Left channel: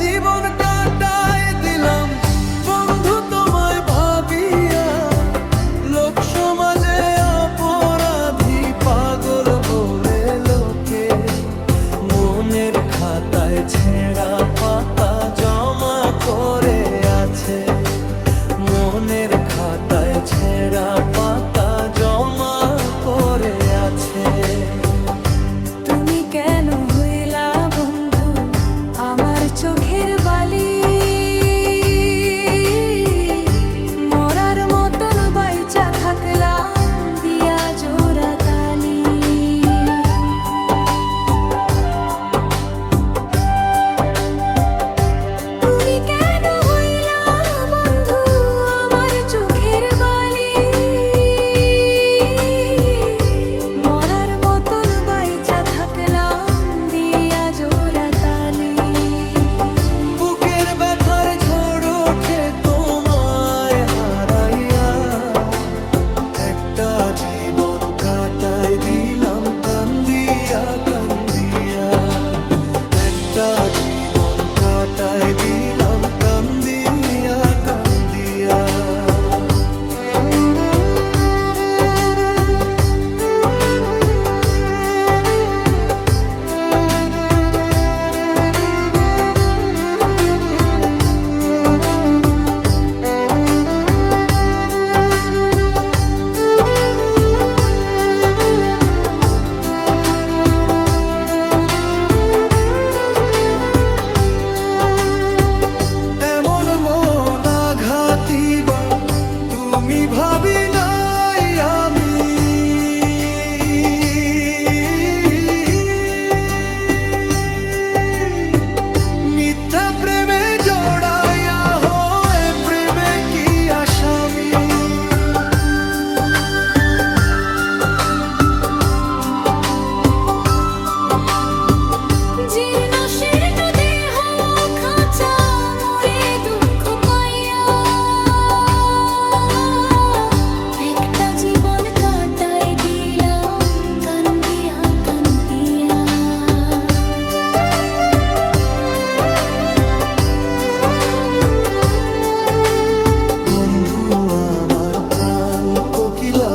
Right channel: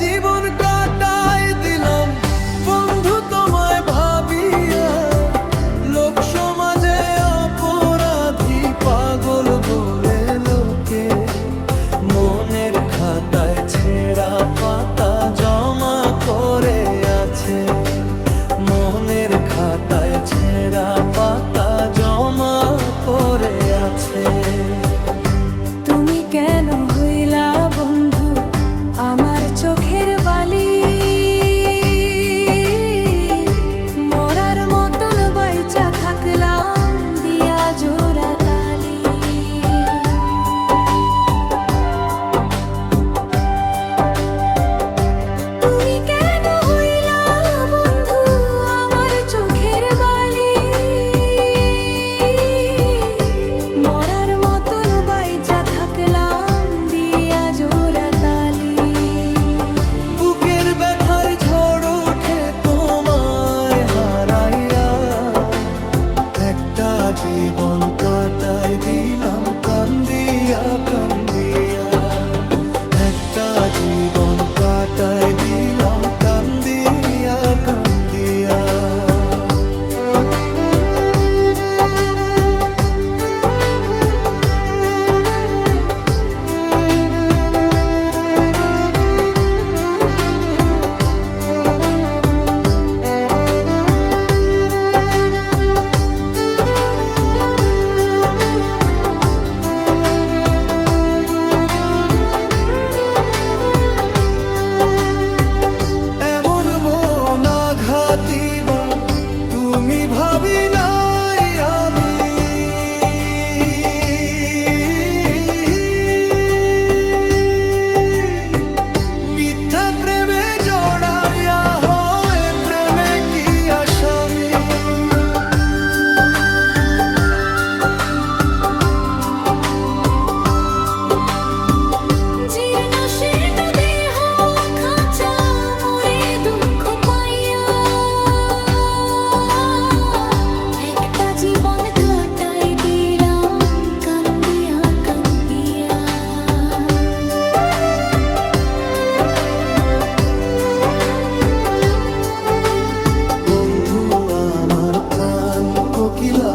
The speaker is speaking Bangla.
জীবন কাটায় দিলাম বন্ধু তোমায় ভাবিয়া। লোক সমাজে অপরাধী পাগল বলে লোকে, মনের খাতায় ছেঁড়া পাতা জমা করে আছে। মনের খাতায় ছেঁড়া পাতা জমা করে আছে। তুমি কেন হইলা বন্ধু আমার চোখের বালি? মরার মতন বাইচা থাকলাম দিয়া জোড়া তালি। তুমি কেন হইলা বন্ধু আমার চোখের বালি? মরার মতন বাইচা থাকলাম দিয়া জোড়া তালি। বুকের ব্যথার ঝড় ওঠে তোমায় হারাইয়া। একটা জীবন কাটাই দিলাম কান্দিয়া কান্দিয়া। একটা জীবন কাটাই দিলাম কান্দিয়া কান্দিয়া। বা তুমি ভাবি নাই আমি। মিথ্যা প্রেমে জড়াইয়া হয় প্রেমে কি আসামি। জীর্ণ শীর্ণ দেহ খাঁচা মরে দুঃখ পাইয়া। একটা জীবন কাটাই দিলাম কান্দিয়া কান্দিয়া। বন্ধু আমার প্রাণ কোকিলা